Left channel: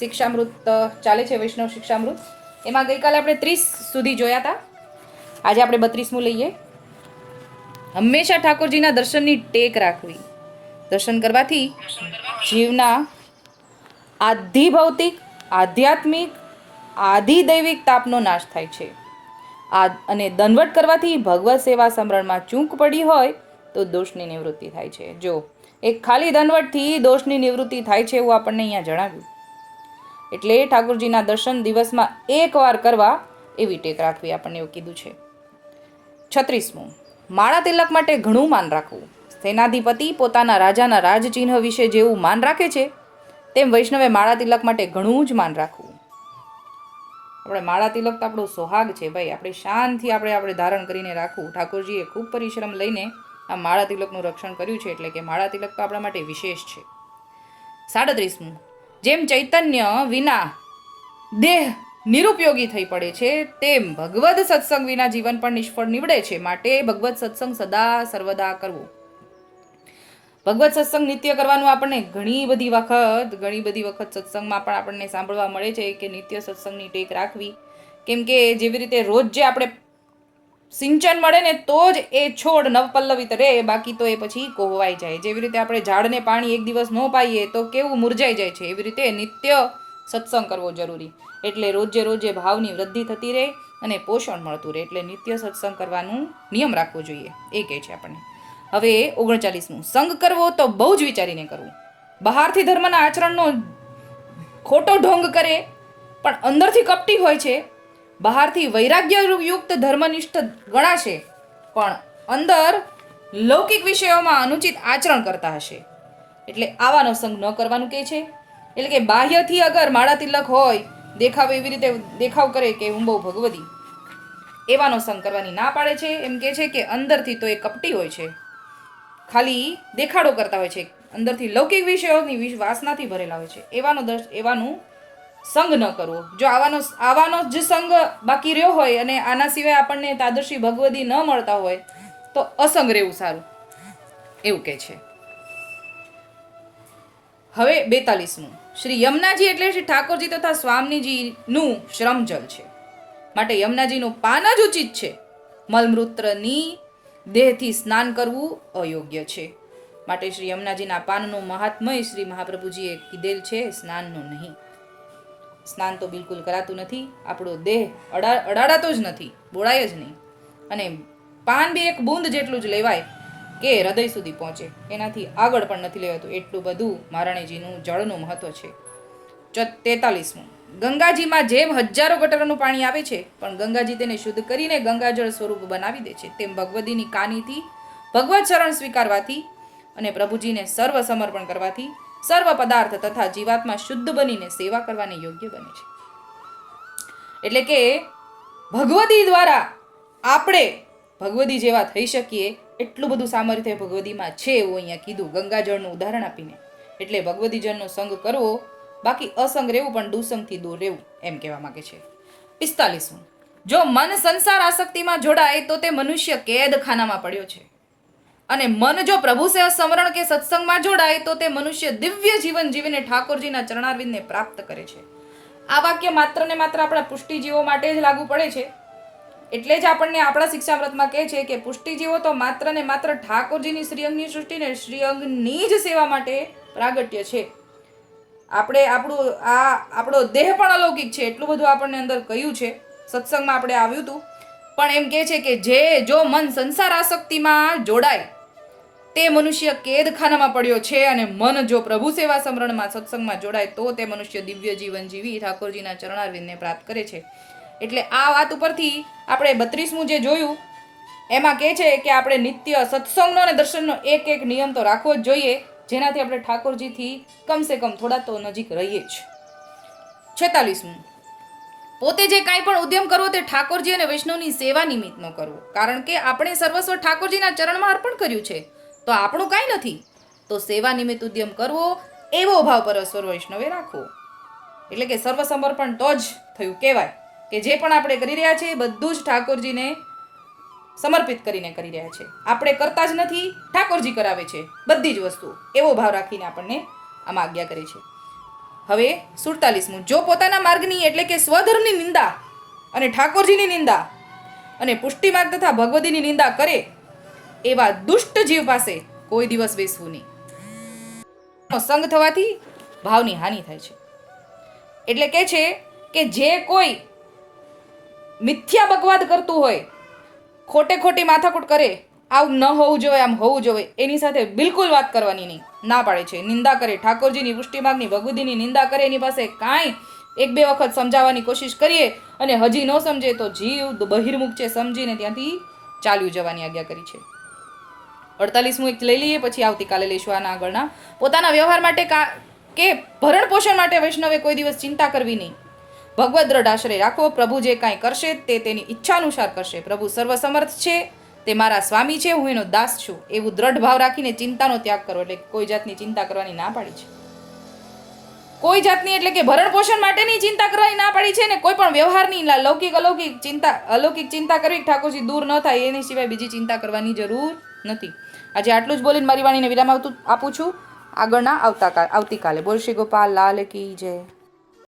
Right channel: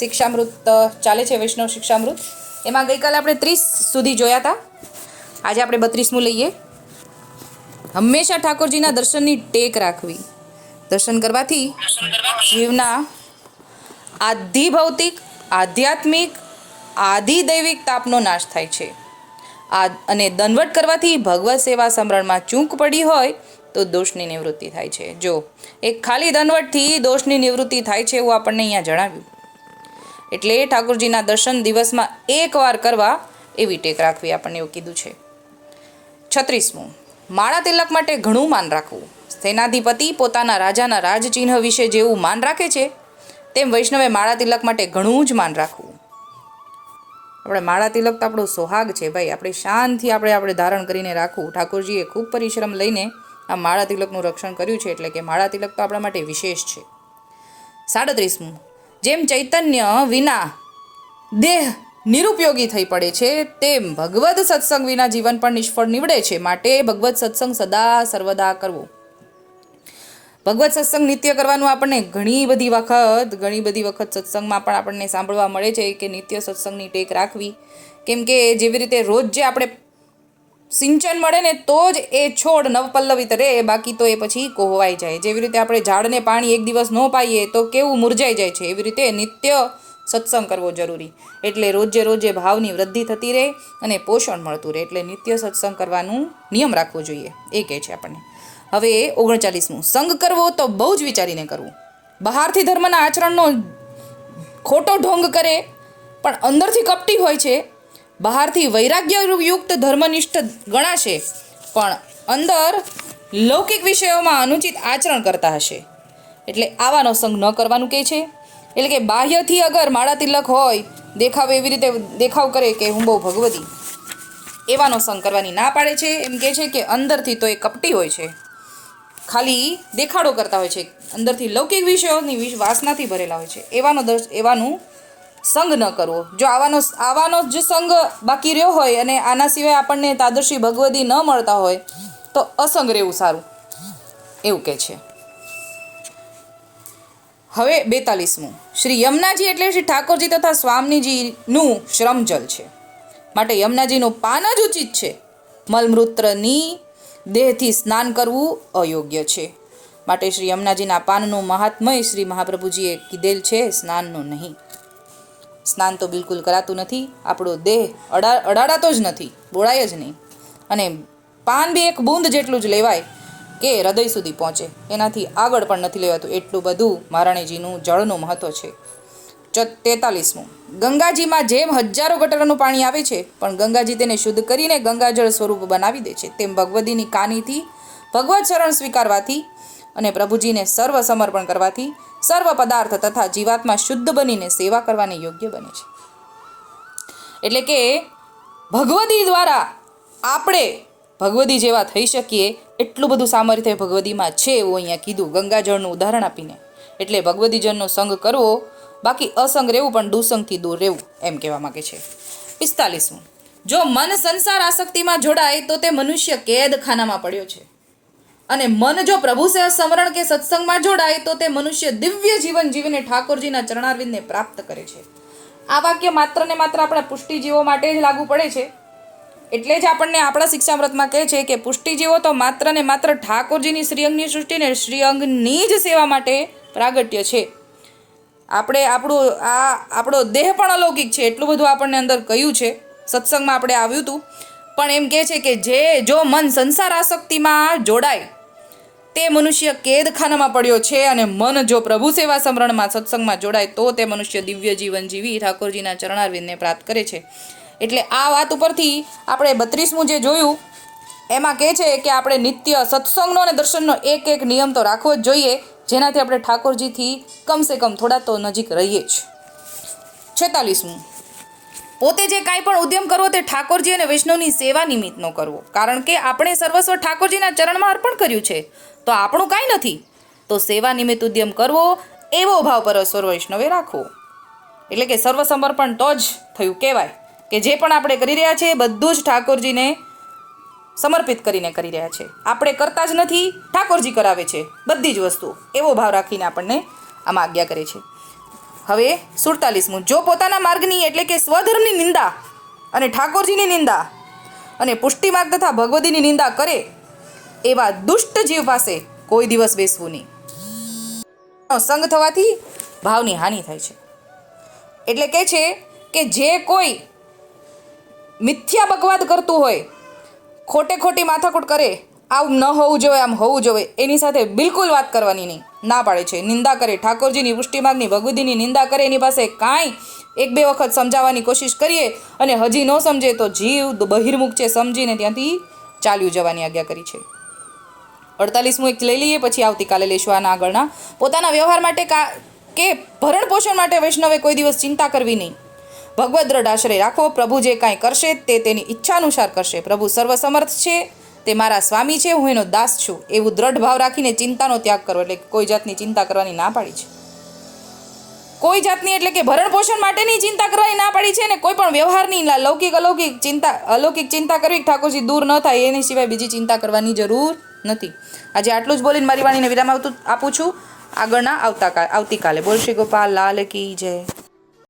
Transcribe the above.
શિક્ષામૃત ચાલે છે, વૈષ્ણવ શિક્ષામૃત. એમાં ગઈકાલે આપણે 30 સુધી જોયા હતા. આજે આપણે 32મું લઈએ. હંમેશા ઠાકોરજીના દર્શનની ટેક રાખવી. દર્શન કરવાથી જીવના આધિ ભૌતિક, આધ્યાત્મિક, આધિદૈવિક તાપનો નાશ થાય છે. અને દંડવટ કરવાથી ભગવત સેવા સમરણમાં ચૂક પડી હોય તો દોષની નિવૃત્તિ થાય છે. જો એક ખાલી દંડવટથી દોષની નિવૃત્તિ થાય છે એવું આપણને અહીંયા જણાવ્યું. એટલે ઠાકોરજીના દર્શન દિવસમાં એકવાર કરવા એવી ટેક રાખવી, આપણને એવું કીધું છે. 36મું, માળા તિલક માટે ઘણું માન રાખવું. સેનાધિપતિ પોતાના રાજાના રાજચિહ્ન વિશે જેવું માન રાખે છે તેમ વૈષ્ણવે માળા તિલક માટે ઘણું જ માન રાખવું. આપણે માળા તિલક તો આપણો સોહાગ છે ભાઈ, આપણે શાનથી આપણે ધારણ કરીને રાખવું. ઠાકોરજીએ ખૂબ પરિશ્રમ લઈને આ માળા તિલકનું રક્ષણ કર્યું છે, એટલે કે માળા તિલક તો આપણા માટે વિશેષ છે. 37મું, જેમ ચૈતન્ય વિના દેહ નિરુપયોગી થઈ પડે છે તેમ ભગવદ સત્સંગ વિના જીવન પણ નિષ્ફળ નીવડે છે. માટે ભગવત સત્સંગ સદા સર્વદા કરવો. ભગવત સત્સંગ નિત્ય કરવાનું આપણને ઘણી બધી વખત સત્સંગમાં પણ આપણને સાંભળવા મળે છે કે નિત્ય સત્સંગની ટેક રાખવી. કેમ કે જેવી રીતે રોજ જે આપણે સિંચન મળે ને તો જ એ છોડ નવપલ્લવિત રહે, બાકી તો એ પછી કોહવાઈ જાય. જેવી રીતે આપણે ઝાડને પાણી એક દિવસ ન પાઈએ તો કેવું મુરઝાઈ જાય છે, એવી રીતે નિત્ય સત્સંગ કરવો જરૂરી. એટલે રોજે ભાવની વૃદ્ધિ થતી રહે અને પોષણ મળતું રહે. એટલે નિત્ય સત્સંગ કરવાનું નિયમ રાખવો જોઈએ, એ કહે છે આપણને. હવે 39મું, સંગ કરવો તો બહુ જ વિચારીને કરવું. બહારથી ધર્મના આચરણનો ખોટો ઢોંગ કરે પણ અંદરથી કપટી હોય છે. બહારથી વૈરાગ્યયુક્ત ધર્મનિષ્ઠ ગણાશે પણ અંદર લૌકિક વિષયોમાં અનુચિત આચરણ કરતા હશે. એટલે આવાનો સંગ ન કરવાનું કહે છે. એટલે કે બાહ્યથી અગર માળા તિલક હોય, દેખાવ એવી રીતે દેખાવ કરે કે હું બહુ ભગવતી, એવાનો સંગ કરવાની ના પાડે છે. એમ કહે છે કે અંદરથી તો એ કપટી હોય છે, ખાલી દેખાડો કરતા હોય છે, અંદરથી લૌકિક વિષયોની વાસનાથી ભરેલા હોય છે. એવાનું સંગ ન કરવો. જો આવાનો જ સંગ બાકી રહ્યો હોય અને આના સિવાય આપણને તાદર્શી ભગવદી ન મળતા હોય તો અસંગ રહેવું સારું, એવું કહે છે. હવે 42મું, શ્રી યમુનાજી એટલે શ્રી ઠાકોરજી તથા સ્વામીજીનું શ્રમજલ છે. માટે યમુનાજીનું પાન જ ઉચિત છે. મલમૂત્રની દેહથી સ્નાન કરવું અયોગ્ય છે. માટે શ્રી યમુનાજીના પાનનું મહાત્મય શ્રી મહાપ્રભુજીએ કીધેલ છે, સ્નાનનું નહીં. સ્નાન તો બિલકુલ કરાતું નથી, આપણો દેહ અડાડાતો જ નથી, બોળાય જ નહીં. અને પાન બી એક બૂંદ જેટલું જ લેવાય કે હૃદય સુધી પહોંચે, એનાથી આગળ પણ નથી લેવાતું. એટલું બધું મહારાણીજીનું જળનું મહત્વ છે. 43મું, ગંગાજીમાં જેમ હજારો ગટરનું પાણી આવે છે પણ ગંગાજી તેને શુદ્ધ કરીને ગંગાજળ સ્વરૂપ બનાવી દે છે, તેમ ભગવદીની કાનીથી ભગવત શરણ સ્વીકારવાથી અને પ્રભુજીને સર્વ સમર્પણ કરવાથી સર્વ પદાર્થ તથા જીવાત્મા શુદ્ધ બનીને સેવા કરવાને યોગ્ય બને છે. એટલે કે ભગવદી દ્વારા આપણે ભગવદી જેવા થઈ શકીએ એટલું બધું સામર્થ્ય ભગવદીમાં છે, એવું અહીંયા કીધું ગંગાજળનું ઉદાહરણ આપીને. એટલે ભગવદીજનનો સંગ કરવો, બાકી અસંગ રહેવું પણ દુસંગથી દૂર રહેવું, એમ કહેવા માંગે છે. 45મું, જો મન સંસાર આસક્તિમાં જોડાય તો તે મનુષ્ય કેદખાનામાં પડ્યો છે, અને મન જો પ્રભુ સમરણ કે સત્સંગમાં જોડાય તો તે મનુષ્ય દિવ્ય જીવન જીવીને ઠાકોરજીના ચરણારવિંદને પ્રાપ્ત કરે છે. આ વાક્ય માત્ર ને માત્ર આપણા પુષ્ટિજીવો માટે જ લાગુ પડે છે. એટલે જ આપણને આપણા શિક્ષામૃતમાં કહે છે કે પુષ્ટિજીવો તો માત્ર ને માત્ર ઠાકોરજીની શ્રીઅંગની સૃષ્ટિને શ્રીઅંગની જ સેવા માટે પ્રાગટ્ય છે. આપણો દેહ પણ અલૌકિક છે, એટલું બધું આપણને અંદર કહ્યું છે. સત્સંગમાં આપણે આવ્યું હતું. પણ એમ કહે છે કે જો મન સંસાર આસક્તિમાં જોડાય તે મનુષ્ય કેદખાનામાં પડ્યો છે, અને મન જો પ્રભુ સેવા સમરણમાં સત્સંગમાં જોડાય તો તે મનુષ્ય દિવ્ય જીવન જીવી ઠાકોરજીના ચરણારવિંદને પ્રાપ્ત કરે છે. એટલે આ વાત ઉપરથી આપણે 32મું જે જોયું એમાં કહે છે કે આપણે નિત્ય સત્સંગનો અને દર્શનનો એક નિયમ તો રાખવો જ જોઈએ, જેનાથી આપણે ઠાકોરજીથી કમસે કમ થોડા તો નજીક રહીએ જ. 46મું, પોતે જે કાંઈ પણ ઉદ્યમ કરવો તે ઠાકોરજી અને વૈષ્ણવની સેવા નિમિત્તનો કરવો. કારણ કે આપણે સર્વસ્વ ઠાકોરજીના ચરણમાં અર્પણ કર્યું છે, તો આપણું કાંઈ નથી, તો સેવા નિમિત્ત ઉદ્યમ કરવો એવો ભાવ પરસ્પર વૈષ્ણવે રાખવો. એટલે કે સર્વ સમર્પણ તો જ થયું કહેવાય કે જે પણ આપણે કરી રહ્યા છીએ બધું જ ઠાકોરજીને સમર્પિત કરીને કરી રહ્યા છે. આપણે કરતા જ નથી, ઠાકોરજી કરાવે છે બધી જ વસ્તુ, એવો ભાવ રાખીને આપણને આમાં આજ્ઞા કરે છે. હવે 47મું, જો પોતાના માર્ગની એટલે કે સ્વધર્મની નિંદા અને ઠાકોરજીની નિંદા અને પુષ્ટિ માર્ગ તથા ભગવદીની નિંદા કરે એવા દુષ્ટ જીવ પાસે કોઈ દિવસ બેસવું નહીં. સંગ થવાથી ભાવની હાનિ થાય છે. એટલે કે છે કે જે કોઈ મિથ્યા બકવાદ કરતું હોય, ખોટે ખોટી માથાકૂટ કરે, આવું ન હોવું જોઈએ, આમ હોવું જોઈએ, એની સાથે બિલકુલ વાત કરવાની નહીં, ના પાડે છે. નિંદા કરે, ઠાકોરજીની પુષ્ટિમાર્ગની ભગવદીની નિંદા કરે, એની પાસે કાંઈ એક બે વખત સમજાવવાની કોશિશ કરીએ અને હજી ન સમજે તો જીવ બહિર્મુખ છે સમજીને ત્યાંથી ચાલ્યું જવાની આજ્ઞા કરી છે. 48મું એક લઈ લઈએ, પછી આવતીકાલે લઈશું આના આગળના. પોતાના વ્યવહાર માટે કે ભરણ પોષણ માટે વૈષ્ણવે કોઈ દિવસ ચિંતા કરવી નહીં. ભગવદ દ્રઢ આશ્રય રાખવો. પ્રભુ જે કાંઈ કરશે તે તેની ઈચ્છા અનુસાર કરશે. પ્રભુ સર્વસમર્થ છે, તે મારા સ્વામી છે, હું એનો દાસ છું, એવું દ્રઢ ભાવ રાખીને ચિંતાનો ત્યાગ કરવો. એટલે કોઈ જાતની ચિંતા કરવાની ના પાડી છે. કોઈ જાતની એટલે કે ભરણ પોષણ માટેની ચિંતા કરવાની ના પાડી છે, ને કોઈ પણ વ્યવહારની અલૌકિક ચિંતા કરવી, ઠાકોરજી દૂર ન થાય એની સિવાય બીજી ચિંતા કરવાની જરૂર નથી. આજે આટલું જ બોલીને મારી વાણીને વિરામ આપું છું. આગળના આવતીકાલે. બોલ શ્રી ગોપાલ લાલ કી જય.